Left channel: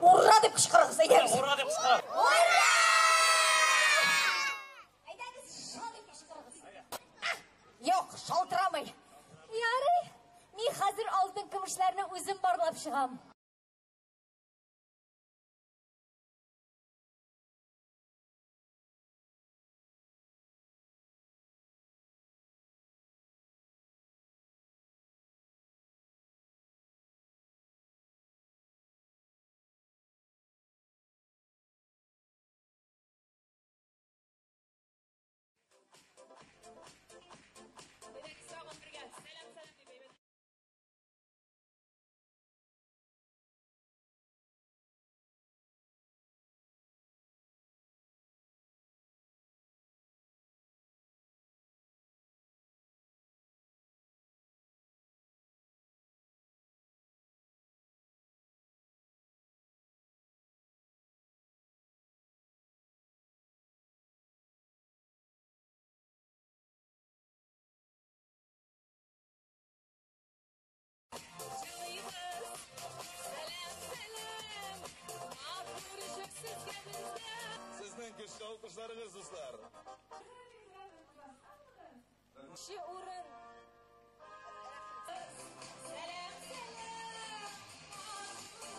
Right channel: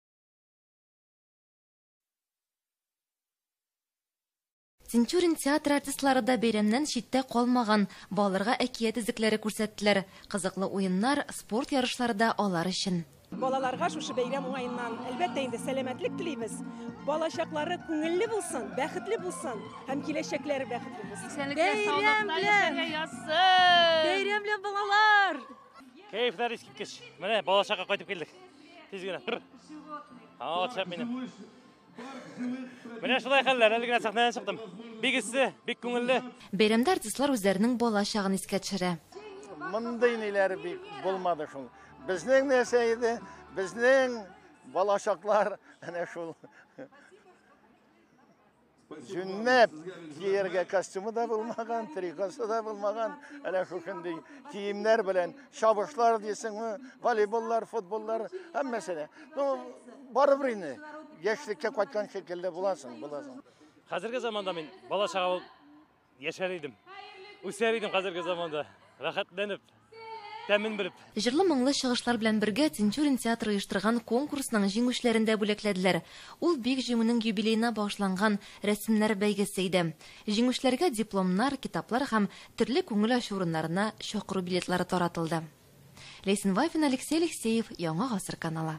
Ура деп кычкырыгыз, әйдәгез. Ура деп кычкырып. Тинчурин театр артистлары да бәйрәмнән читтә калмаган. Балаларга әкият изекләре күрсәттеләр. Кызыклы уеннар, спорт ярышлары да алар өчен. Балаларга шушы бәйрәм уңаеннан әлбәттә инде сәламәтлек телибез. Балачаклары күңелле булсын, бәхетле булсын һәм киләчәкләре бәхетле булсын. Бәйрәм белән балалар! Кайфлар искиткеч. Менә балачакка кайтып килдек. Тиз генә. Чап минем. Менә шулай хәлләр, әле генә сәхнәдән чыктым. Бик иссе, бик күңелле. Бәйрәмдә артистлар үзләренең балачагын искә төшерә. Мондай ниләр бик булмады шул. Безнең нәрсә иде? Безнең балачаклар әнә шул. Жүннәп киергә костюмы да булмаган, трикосы да булмаган, әнә шушындый киемнәр белән чабышлар дисеңме, волейболлар, футболлар, һәммәсе. Ну, барыбер инде яшьлеккә кайткан шикелле буласың. Хәзерге заманда мин балачага булып яшәр идем. Үсәр идем хәзерге заманда. Рәхәтләнеп, тәмин биреп. Җырлы моңлы чыгышлар белән бергә Тинчурин театры оештырган конкурсның җиңүчеләрен дә бүләкләделәр. Ул бик җиңүнең юбилеена багышланган рәсемнәр бәйгесе иде. Җиңүчеләргә дипломнар, китаплар һәм төрле күңел ачу урыннарына чакыру билетлары таратылды. Лейсен Вайфин, Алексей Алексеев, Яңа гасыр каналы.